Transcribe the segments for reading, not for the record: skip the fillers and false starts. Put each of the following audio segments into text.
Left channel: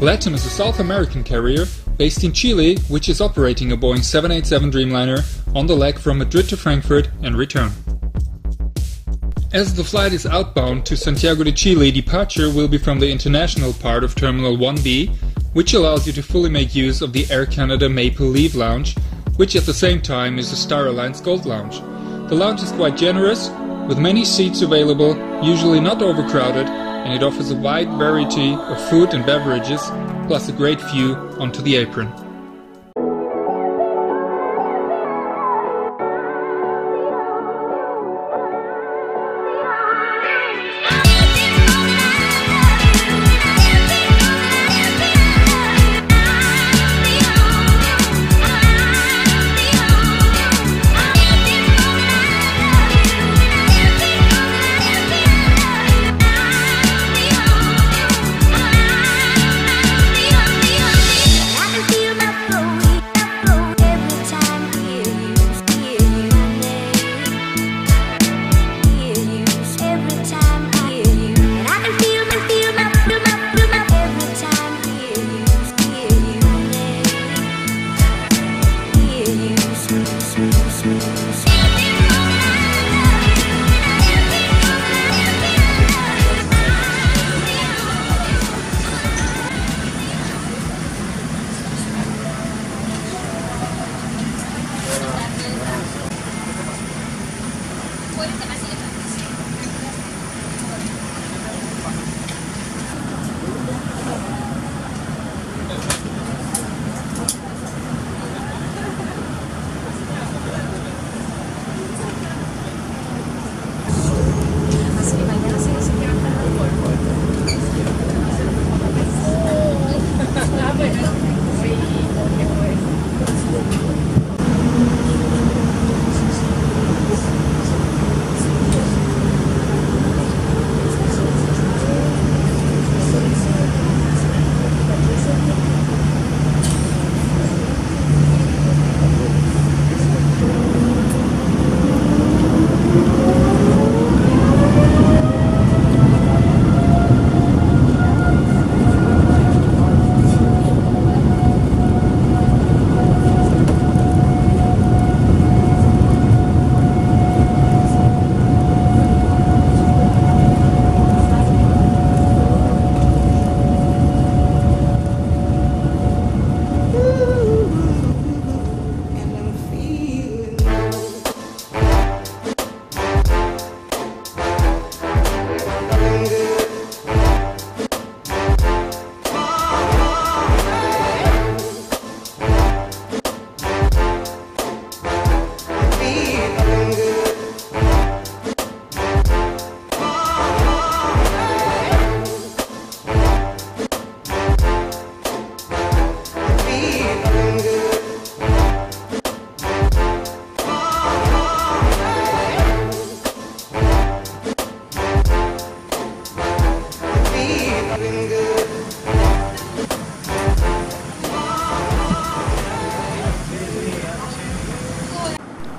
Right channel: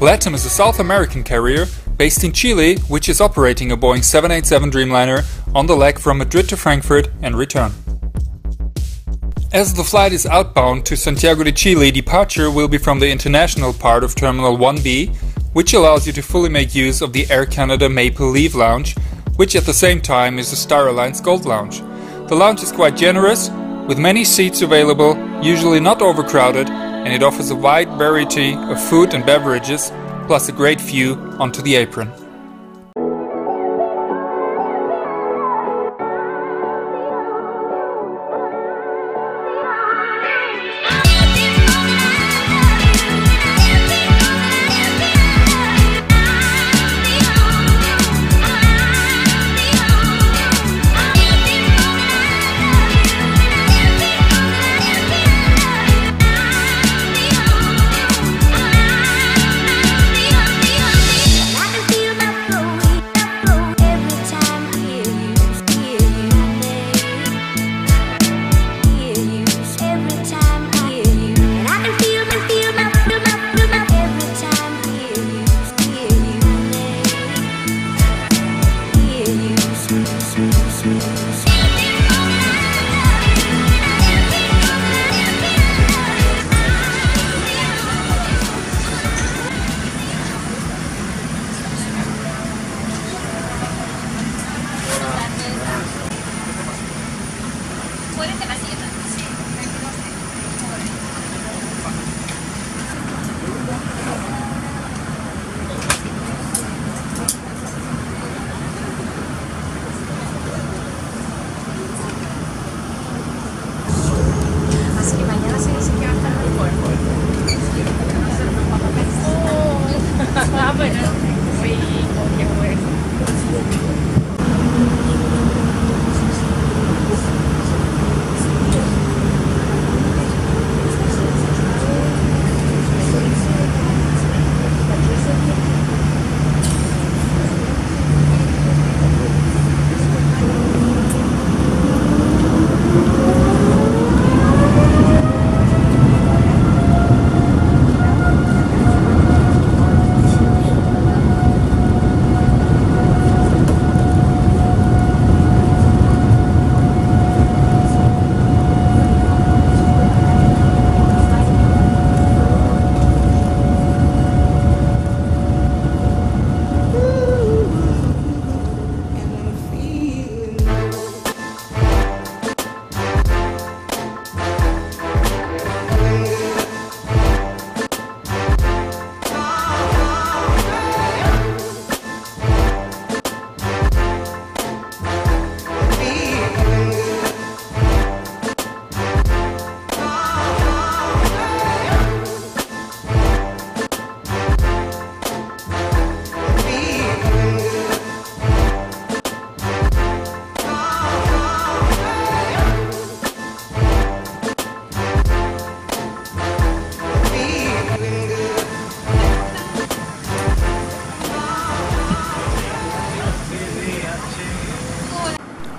LATAM is a South American carrier based in Chile, which is operating a Boeing 787 Dreamliner on the leg from Madrid to Frankfurt and return. As the flight is outbound to Santiago de Chile, departure will be from the international part of Terminal 1B, which allows you to fully make use of the Air Canada Maple Leaf Lounge, which at the same time is the Star Alliance Gold Lounge. The lounge is quite generous, with many seats available, usually not overcrowded, and it offers a wide variety of food and beverages, plus a great view onto the Apron.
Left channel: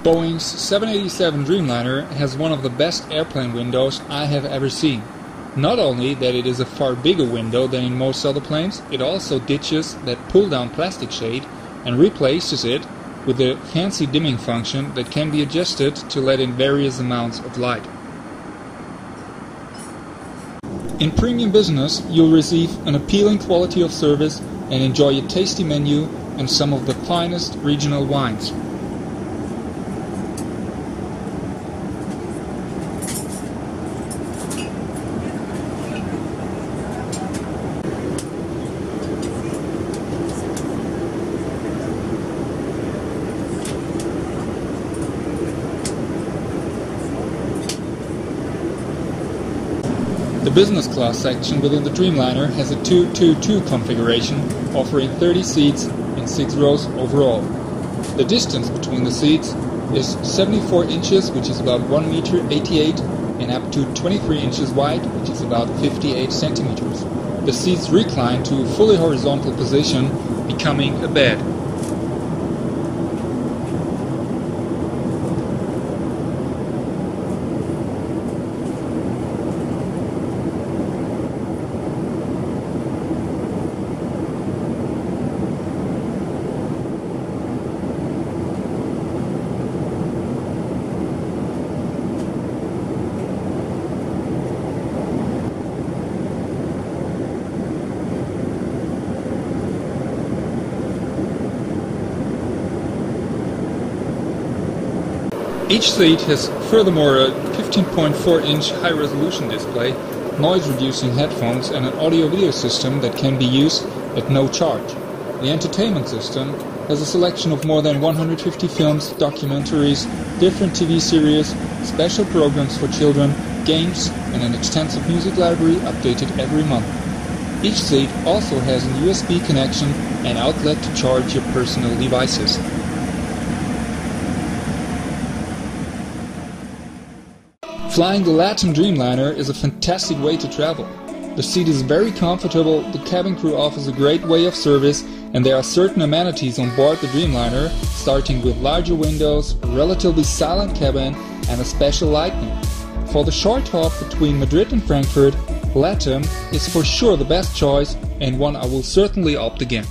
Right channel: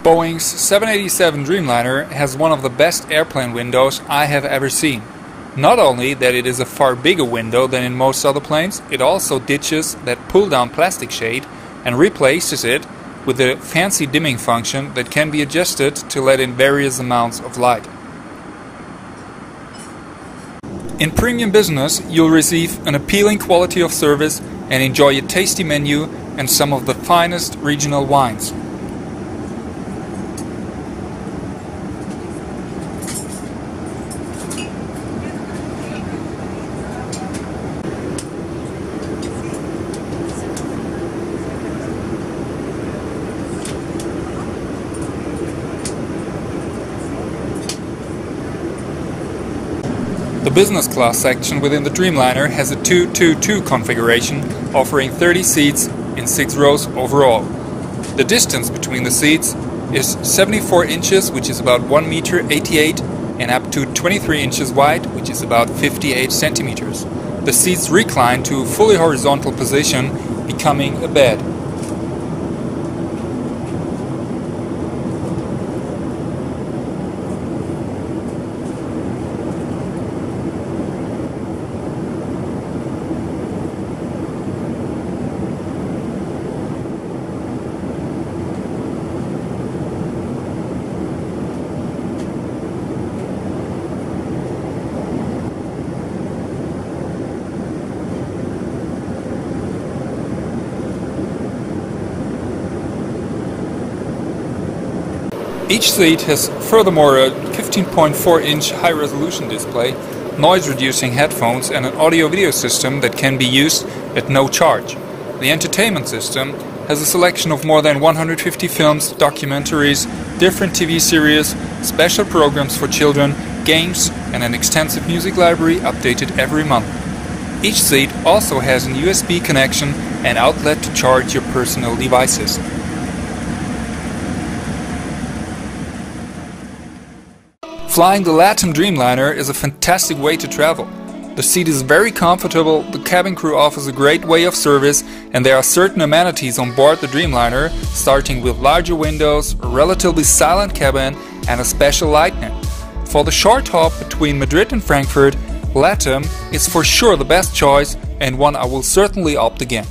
Boeing's 787 Dreamliner has one of the best airplane windows I have ever seen. Not only that it is a far bigger window than in most other planes, it also ditches that pull-down plastic shade and replaces it with a fancy dimming function that can be adjusted to let in various amounts of light. In premium business, you'll receive an appealing quality of service and enjoy a tasty menu and some of the finest regional wines. The business class section within the Dreamliner has a 2-2-2 configuration, offering 30 seats in 6 rows overall. The distance between the seats is 74 inches, which is about 1 meter 88, and up to 23 inches wide, which is about 58 centimeters. The seats recline to a fully horizontal position, becoming a bed. Each seat has furthermore a 15.4-inch high-resolution display, noise-reducing headphones and an audio-video system that can be used at no charge. The entertainment system has a selection of more than 150 films, documentaries, different TV series, special programs for children, games, and an extensive music library updated every month. Each seat also has an USB connection and outlet to charge your personal devices. Flying the LATAM Dreamliner is a fantastic way to travel. The seat is very comfortable, the cabin crew offers a great way of service, and there are certain amenities on board the Dreamliner, starting with larger windows, a relatively silent cabin, and a special light net. For the short hop between Madrid and Frankfurt, LATAM is for sure the best choice and one I will certainly opt again.